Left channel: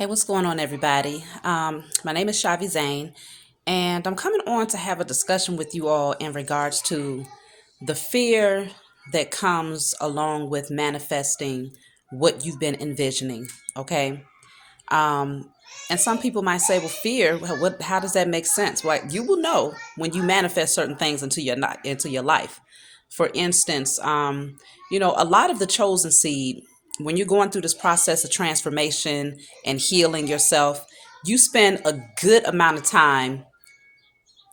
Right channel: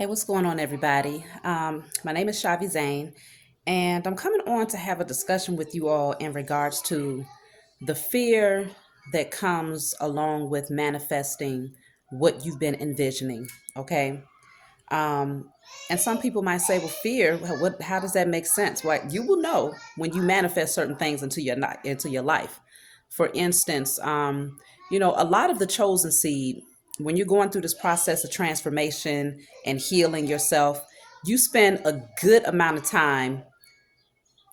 Hey, what's going on, everybody? My name is Shavi Zane, and I'm coming on to have a discussion with you all in regards to the fear that comes along with manifesting what you've been envisioning. Okay. Um, and some people might say, well, fear, how does that make sense? Well, you will know when you manifest certain things into your life. For instance, a lot of the chosen seed, when you're going through this process of transformation and healing yourself, you spend a good amount of time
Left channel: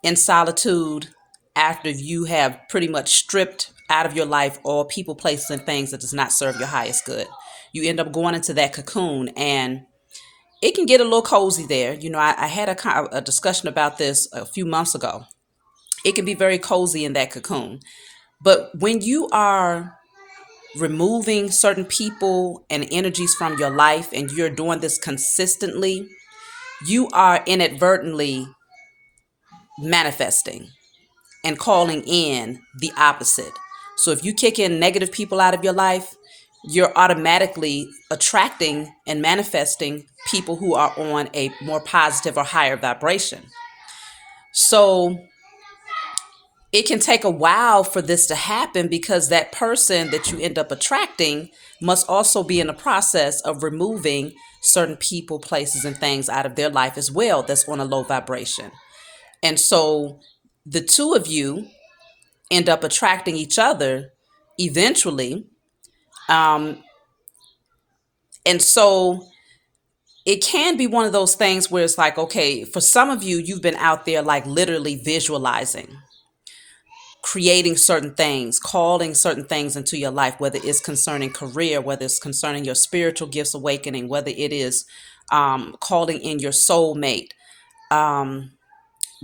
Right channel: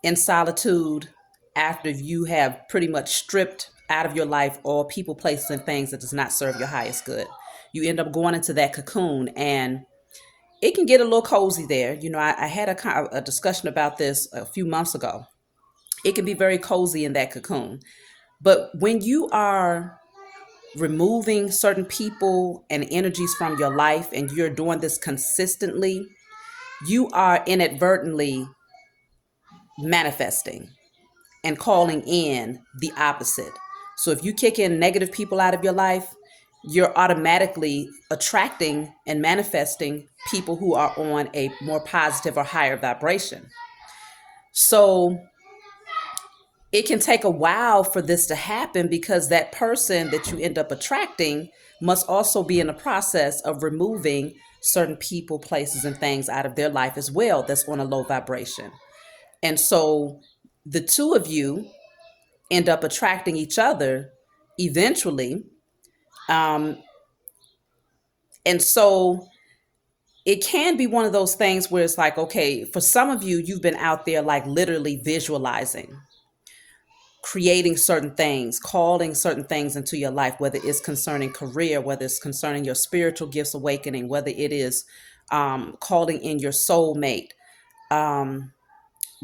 in solitude after you have pretty much stripped out of your life all people, places, and things that does not serve your highest good. You end up going into that cocoon, and it can get a little cozy there. I had a discussion about this a few months ago. It can be very cozy in that cocoon. But when you are removing certain people and energies from your life and you're doing this consistently, you are inadvertently manifesting and calling in the opposite. So if you kick in negative people out of your life, you're automatically attracting and manifesting people who are on a more positive or higher vibration. So it can take a while for this to happen because that person that you end up attracting must also be in the process of removing certain people, places, and things out of their life as well that's on a low vibration. And so the two of you end up attracting each other eventually. Um, and so it can be one of those things where it's like, okay, for some of you, you've been out there like literally visualizing, creating certain things, calling certain things into your life, whether it's concerning career, whether it's concerning your spiritual gifts awakening, whether it is calling in your soulmate.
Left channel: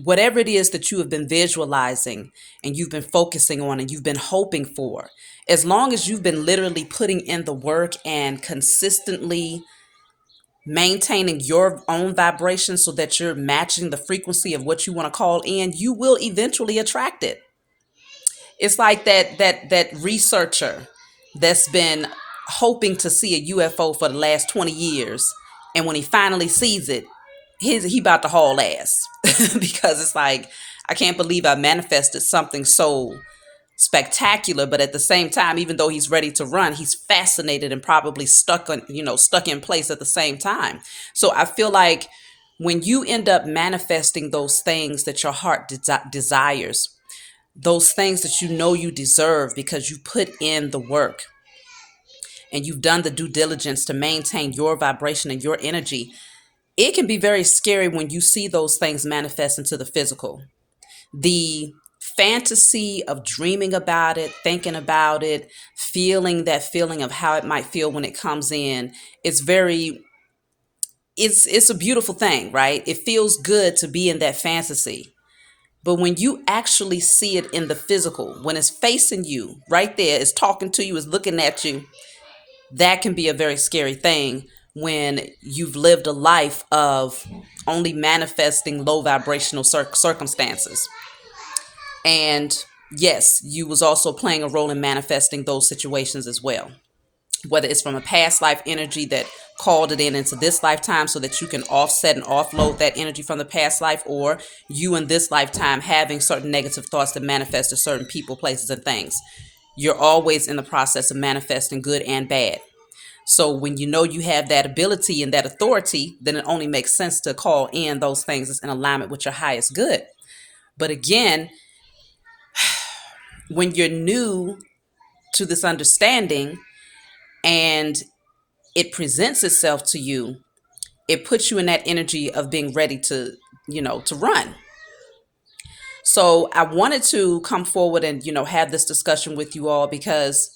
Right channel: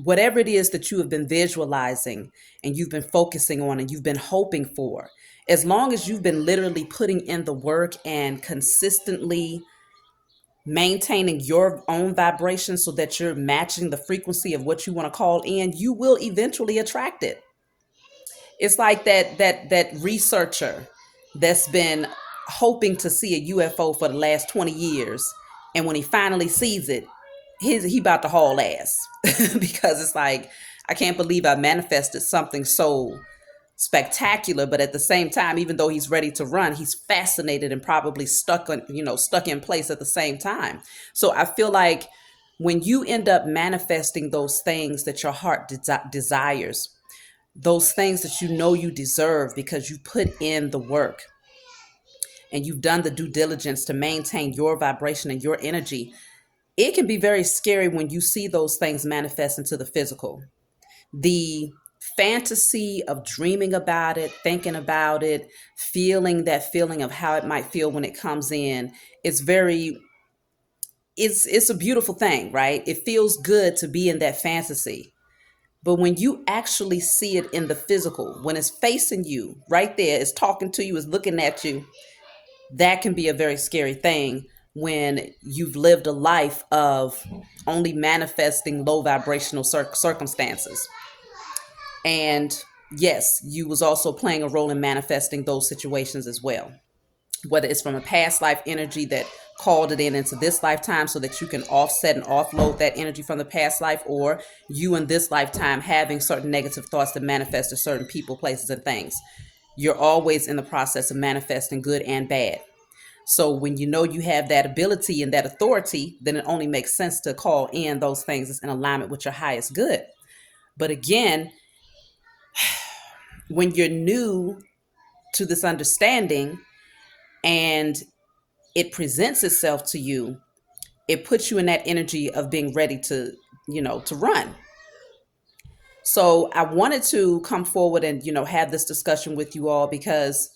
Whatever it is that you have been visualizing and you've been focusing on and you've been hoping for, as long as you've been literally putting in the work and consistently maintaining your own vibration so that you're matching the frequency of what you want to call in, you will eventually attract it. It's like that researcher that's been hoping to see a UFO for the last 20 years, and when he finally sees it, he about to haul ass because it's like, I can't believe I manifested something so spectacular, but at the same time, even though he's ready to run, he's fascinated and probably stuck in place at the same time. So I feel like when you end up manifesting those things that your heart desires, those things that you know you deserve because you put in the work and you've done the due diligence to maintain your vibration and your energy, it can be very scary when you see those things manifest into the physical. The fantasy of dreaming about it, thinking about it, feeling that feeling of how it might feel when it comes in, it's very it's a beautiful thing, right? It feels good to be in that fantasy. But when you actually see it in the physical, when it's facing you right there, it's talking to you, it's looking at you, that can be a very scary thing when you've lived a life of only manifesting low vibrational circumstances. And yes, you was also playing a role in manifesting those situations as well, whether it's from a past life energy that called it in into this lifetime so that you can offset and offload that energy from the past life, or you in this lifetime having certain negative thoughts that manifest to certain people, places, and things. You're always in the process of manifesting good and bad. So when you know you have that ability and that authority, then it only makes sense to call in those things that's in alignment with your highest good. But again, when you're new to this understanding and it presents itself to you, it puts you in that energy of being ready to run. So I wanted to come forward and, have this discussion with you all because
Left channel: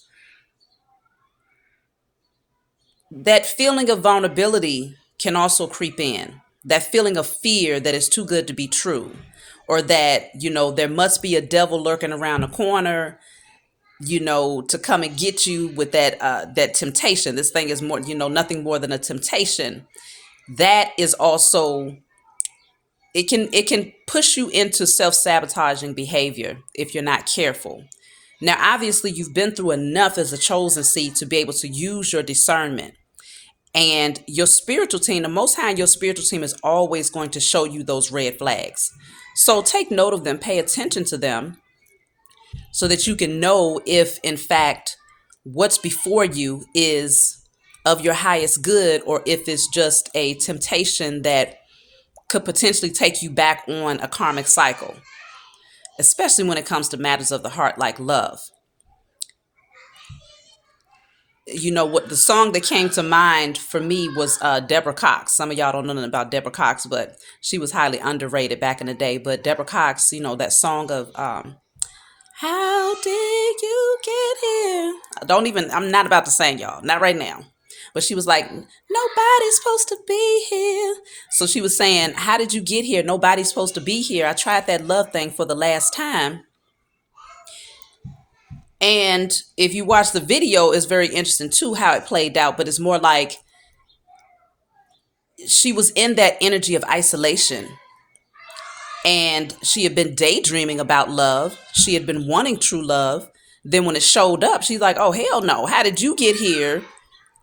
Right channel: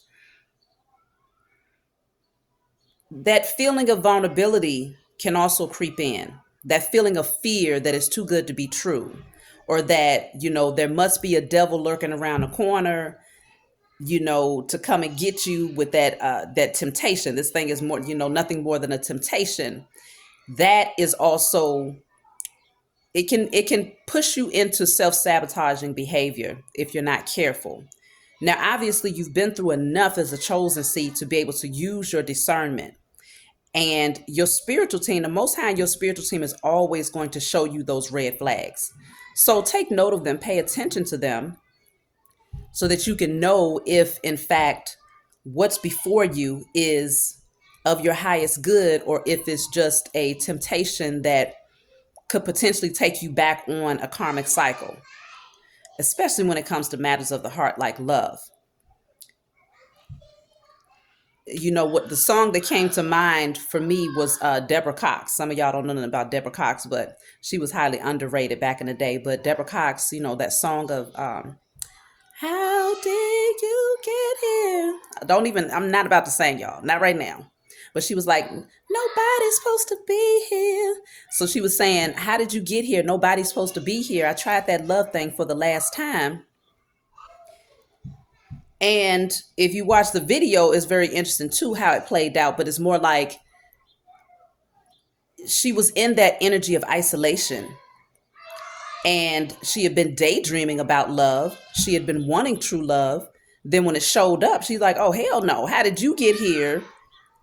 that feeling of vulnerability can also creep in. That feeling of fear that is too good to be true, or that, there must be a devil lurking around the corner, to come and get you with that temptation. This thing is more, nothing more than a temptation. That is also, it can push you into self-sabotaging behavior if you're not careful. Now, obviously, you've been through enough as a chosen seed to be able to use your discernment And your spiritual team, the Most High, your spiritual team is always going to show you those red flags. So take note of them, pay attention to them, so that you can know if, in fact, what's before you is of your highest good, or if it's just a temptation that could potentially take you back on a karmic cycle, especially when it comes to matters of the heart like love. You know what, the song that came to mind for me was Deborah Cox. Some of y'all don't know nothing about Deborah Cox, but she was highly underrated back in the day. But Deborah Cox, you know, that song of how did you get here? I'm not about to sing, y'all, not right now. But she was like, nobody's supposed to be here. So she was saying, how did you get here? Nobody's supposed to be here. I tried that love thing for the last time. And if you watch the video, it's very interesting too how it played out. But it's more like she was in that energy of isolation. And she had been daydreaming about love. She had been wanting true love. Then when it showed up, she's like, oh, hell no. How did you get here?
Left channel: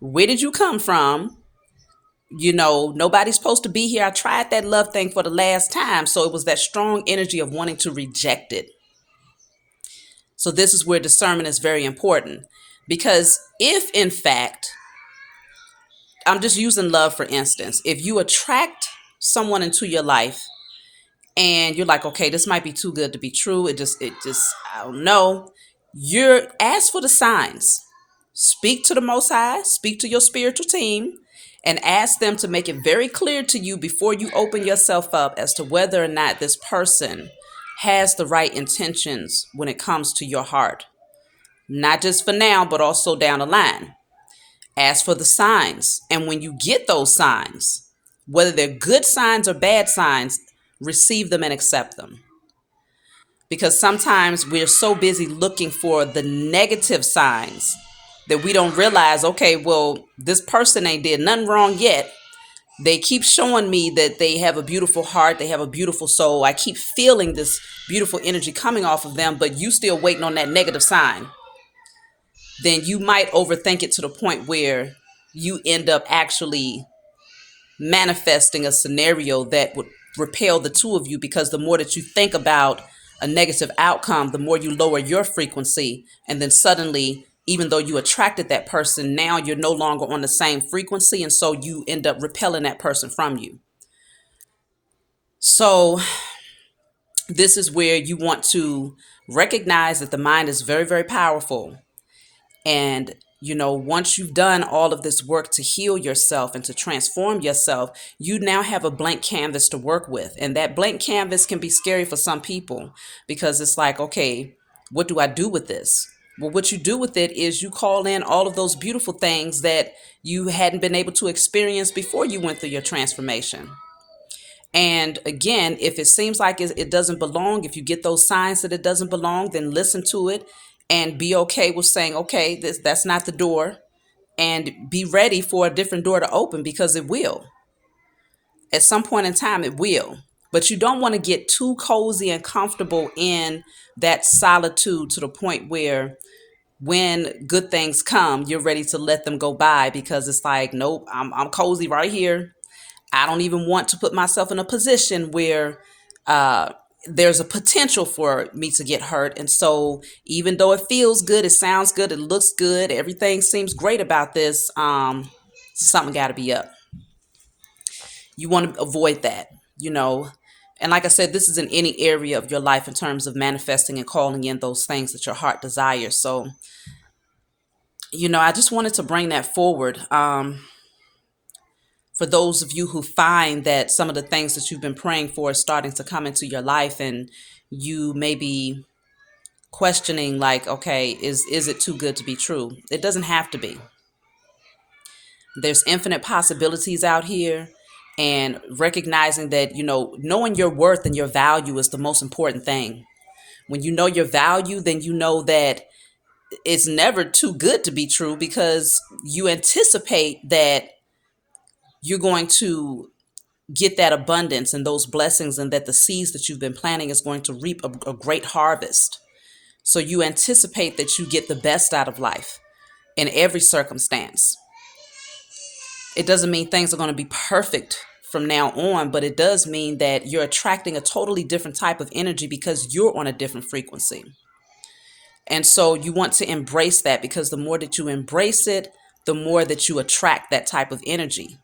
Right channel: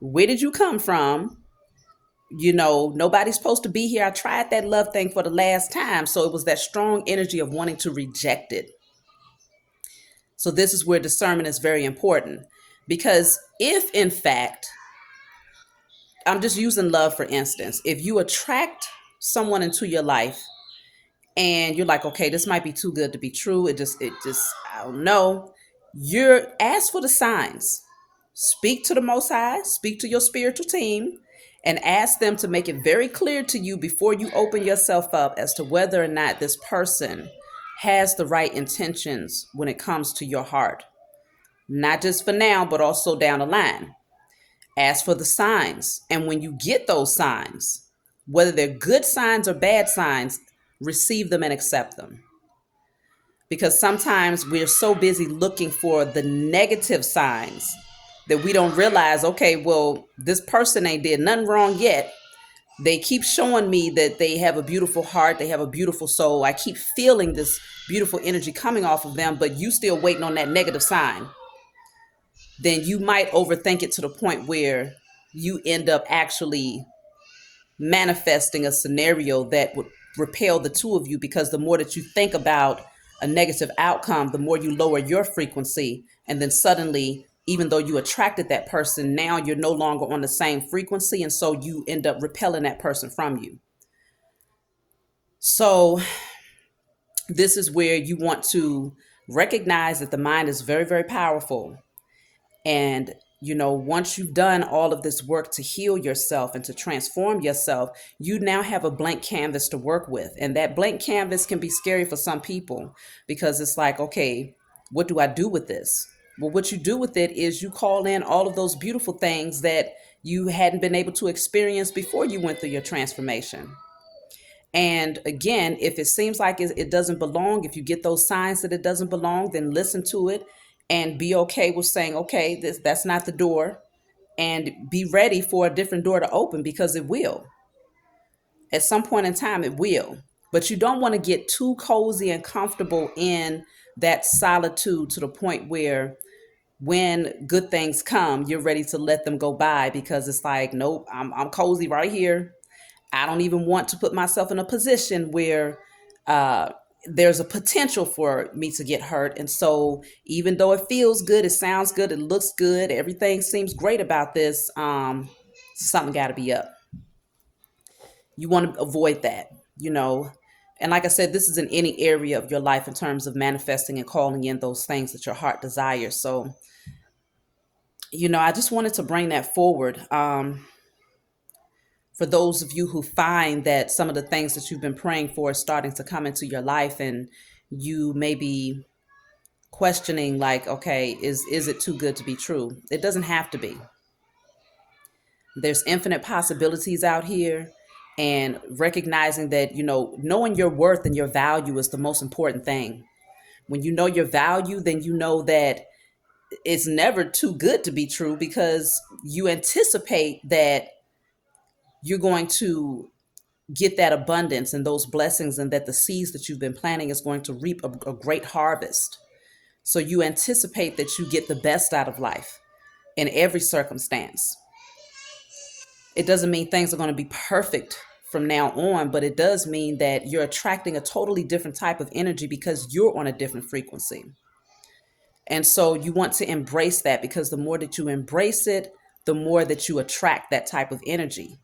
Where did you come from? You know, nobody's supposed to be here. I tried that love thing for the last time. So it was that strong energy of wanting to reject it. So this is where discernment is very important. Because if, in fact, I'm just using love for instance, if you attract someone into your life and you're like, okay, this might be too good to be true. I don't know. You're ask for the signs. Speak to the Most High, speak to your spiritual team, and ask them to make it very clear to you before you open yourself up as to whether or not this person has the right intentions when it comes to your heart. Not just for now, but also down the line. Ask for the signs. And when you get those signs, whether they're good signs or bad signs, receive them and accept them. Because sometimes we're so busy looking for the negative signs that we don't realize, okay, well, this person ain't did nothing wrong yet. They keep showing me that they have a beautiful heart. They have a beautiful soul. I keep feeling this beautiful energy coming off of them, but you still waiting on that negative sign. Then you might overthink it to the point where you end up actually manifesting a scenario that would repel the two of you, because the more that you think about a negative outcome, the more you lower your frequency. And then suddenly, even though you attracted that person, now you're no longer on the same frequency. And so you end up repelling that person from you. So this is where you want to recognize that the mind is very, very powerful. And, you know, once you've done all of this work to heal yourself and to transform yourself, you now have a blank canvas to work with. And that blank canvas can be scary for some people, because it's like, okay, what do I do with this? Well, what you do with it is you call in all of those beautiful things that you hadn't been able to experience before you went through your transformation. And again, if it seems like it doesn't belong, if you get those signs that it doesn't belong, then listen to it and be okay with saying, okay, that's not the door, and be ready for a different door to open, because it will. At some point in time, it will. But you don't want to get too cozy and comfortable in that solitude to the point where when good things come, you're ready to let them go by, because it's like, nope, I'm cozy right here. I don't even want to put myself in a position where there's a potential for me to get hurt. And so even though it feels good, it sounds good, it looks good, everything seems great about this, something got to be up. You want to avoid that, you know. And like I said, this is in any area of your life in terms of manifesting and calling in those things that your heart desires. So, you know, I just wanted to bring that forward. For those of you who find that some of the things that you've been praying for is starting to come into your life, and you may be questioning, like, okay, is it too good to be true? It doesn't have to be. There's infinite possibilities out here, and recognizing that, you know, knowing your worth and your value is the most important thing. When you know your value, then you know that it's never too good to be true, because you anticipate that you're going to get that abundance and those blessings, and that the seeds that you've been planting is going to reap a great harvest. So you anticipate that you get the best out of life in every circumstance. It doesn't mean things are going to be perfect from now on, but it does mean that you're attracting a totally different type of energy because you're on a different frequency. And so you want to embrace that, because the more that you embrace it, the more that you attract that type of energy.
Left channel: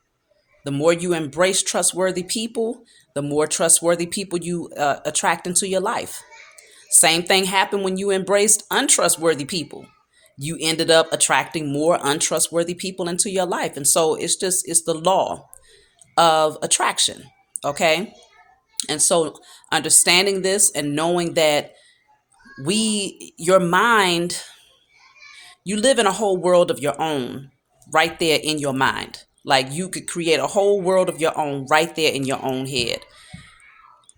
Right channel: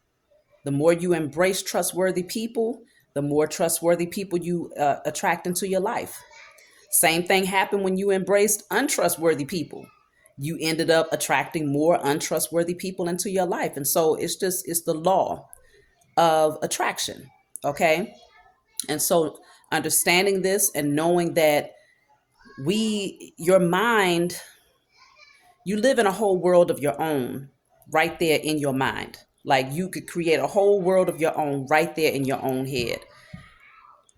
The more you embrace trustworthy people, the more trustworthy people you attract into your life. Same thing happened when you embraced untrustworthy people. You ended up attracting more untrustworthy people into your life. And so it's the law of attraction. Okay. And so understanding this and knowing that your mind, you live in a whole world of your own right there in your mind. Like you could create a whole world of your own right there in your own head.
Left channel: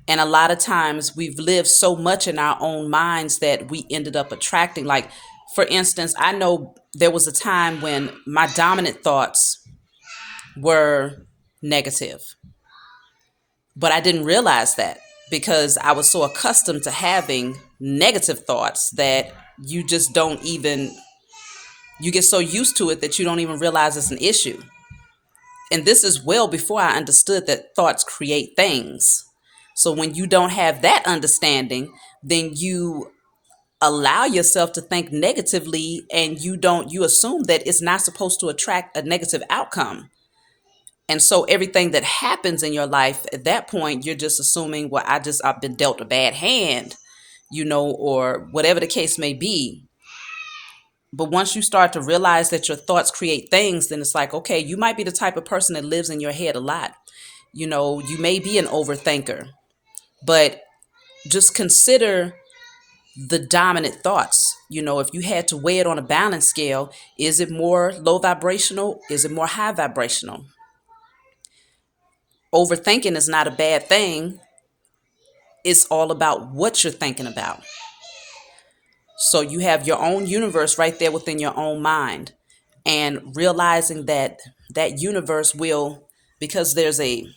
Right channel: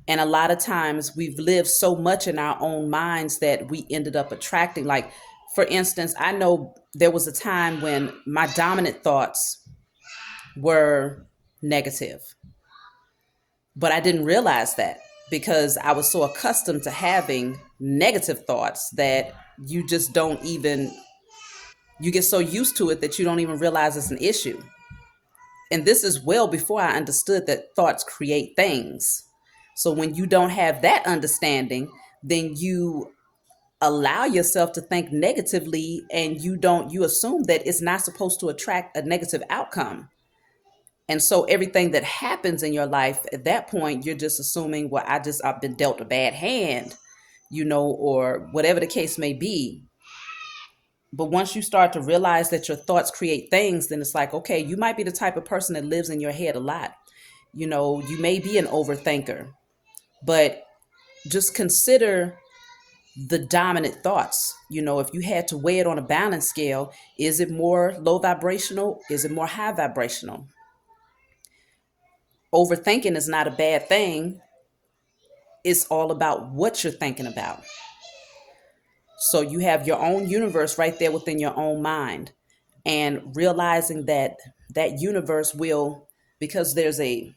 And a lot of times we've lived so much in our own minds that we ended up attracting. Like, for instance, I know there was a time when my dominant thoughts were negative, but I didn't realize that because I was so accustomed to having negative thoughts that you just don't even, you get so used to it that you don't even realize it's an issue. And this is well before I understood that thoughts create things. So when you don't have that understanding, then you allow yourself to think negatively, and you assume that it's not supposed to attract a negative outcome. And so everything that happens in your life at that point, you're just assuming, well, I've been dealt a bad hand, or whatever the case may be. But once you start to realize that your thoughts create things, then it's like, okay, you might be the type of person that lives in your head a lot. You may be an overthinker, but just consider the dominant thoughts. If you had to weigh it on a balance scale, is it more low vibrational? Is it more high vibrational? Overthinking is not a bad thing. It's all about what you're thinking about. So you have your own universe right there within your own mind, and realizing that that universe will, because there's a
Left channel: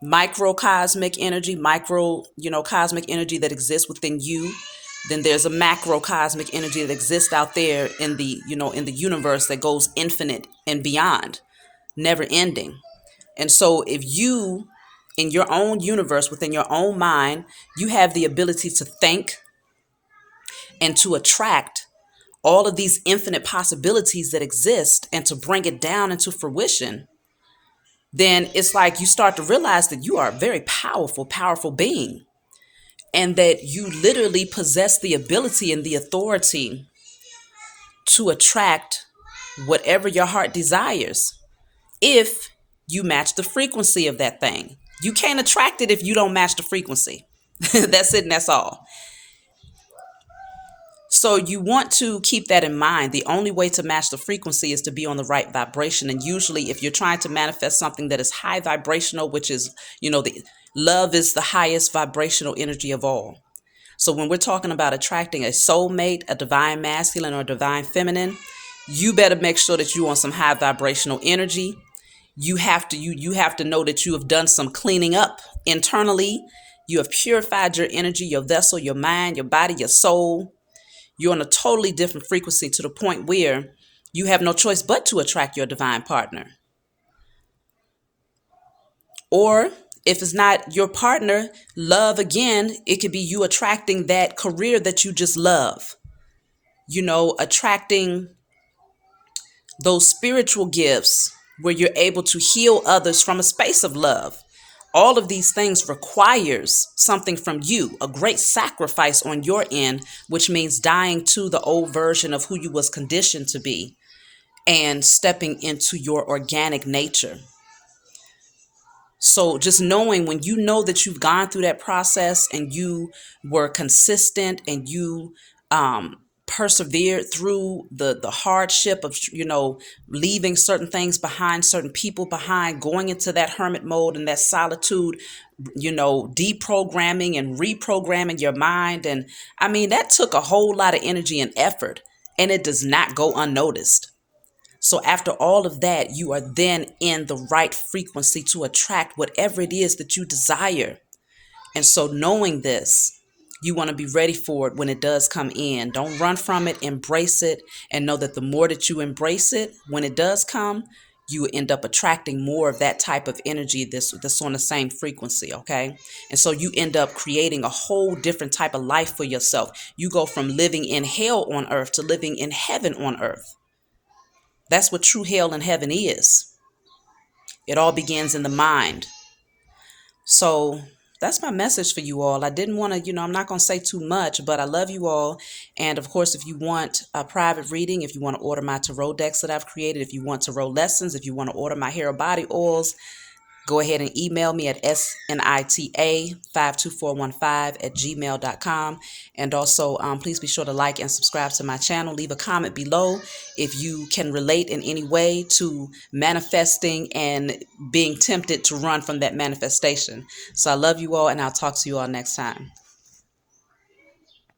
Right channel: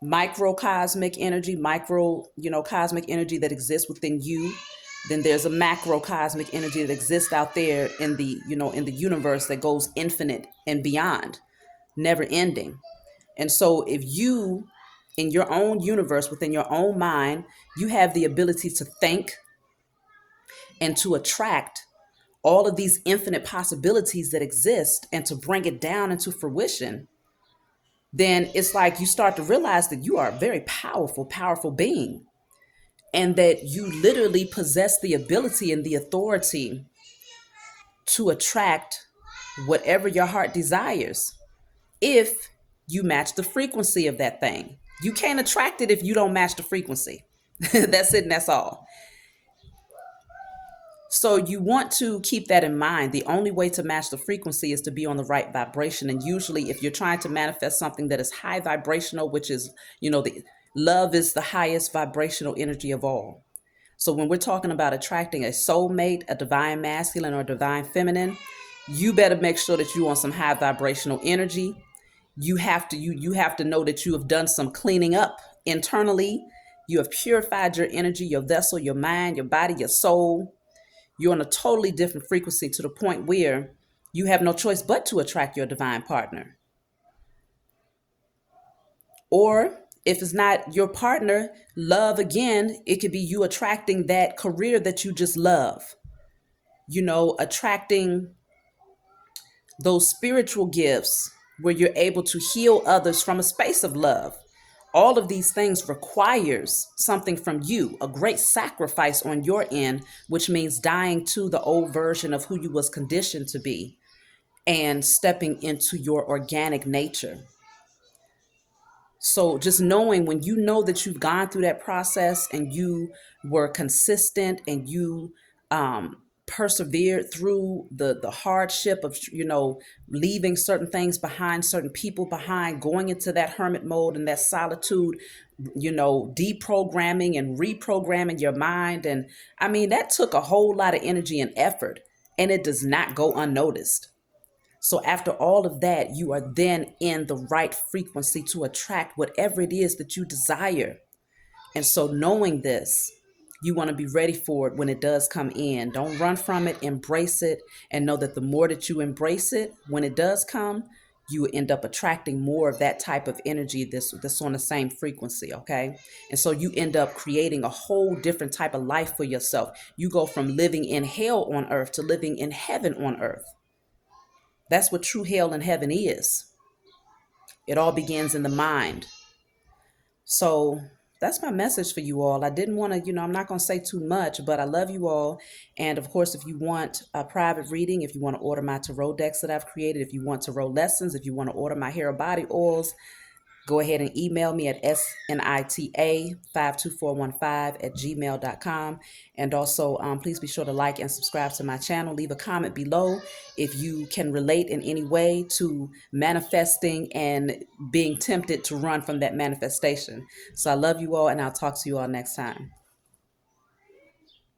microcosmic energy, cosmic energy that exists within you. Then there's a macrocosmic energy that exists out there in the universe that goes infinite and beyond, never ending. And so if you, in your own universe, within your own mind, you have the ability to think and to attract all of these infinite possibilities that exist and to bring it down into fruition, then it's like you start to realize that you are a very powerful, powerful being, and that you literally possess the ability and the authority to attract whatever your heart desires if you match the frequency of that thing. You can't attract it if you don't match the frequency. That's it, and that's all. So you want to keep that in mind. The only way to match the frequency is to be on the right vibration. And usually if you're trying to manifest something that is high vibrational, which is, the love is the highest vibrational energy of all. So when we're talking about attracting a soulmate, a divine masculine or divine feminine, you better make sure that you're on some high vibrational energy. You have to know that you have done some cleaning up internally. You have purified your energy, your vessel, your mind, your body, your soul. You're on a totally different frequency to the point where you have no choice but to attract your divine partner. Or if it's not your partner, love again, it could be you attracting that career that you just love. Attracting those spiritual gifts where you're able to heal others from a space of love. All of these things requires something from you, a great sacrifice on your end, which means dying to the old version of who you was conditioned to be and stepping into your organic nature. So just knowing, when you know that you've gone through that process and you were consistent and you persevered through the hardship of leaving certain things behind, certain people behind, going into that hermit mode and that solitude, deprogramming and reprogramming your mind. And I mean, that took a whole lot of energy and effort, and it does not go unnoticed. So after all of that, you are then in the right frequency to attract whatever it is that you desire. And so knowing this, you want to be ready for it when it does come in. Don't run from it, embrace it, and know that the more that you embrace it, when it does come, you end up attracting more of that type of energy that's on the same frequency, okay? And so you end up creating a whole different type of life for yourself. You go from living in hell on earth to living in heaven on earth. That's what true hell and heaven is. It all begins in the mind. So that's my message for you all. I didn't want to, I'm not going to say too much, but I love you all. And of course, if you want a private reading, if you want to order my tarot decks that I've created, if you want tarot lessons, if you want to order my hair or body oils, go ahead and email me at snita52415@gmail.com. And also, please be sure to like and subscribe to my channel. Leave a comment below if you can relate in any way to manifesting and being tempted to run from that manifestation. So I love you all, and I'll talk to you all next time.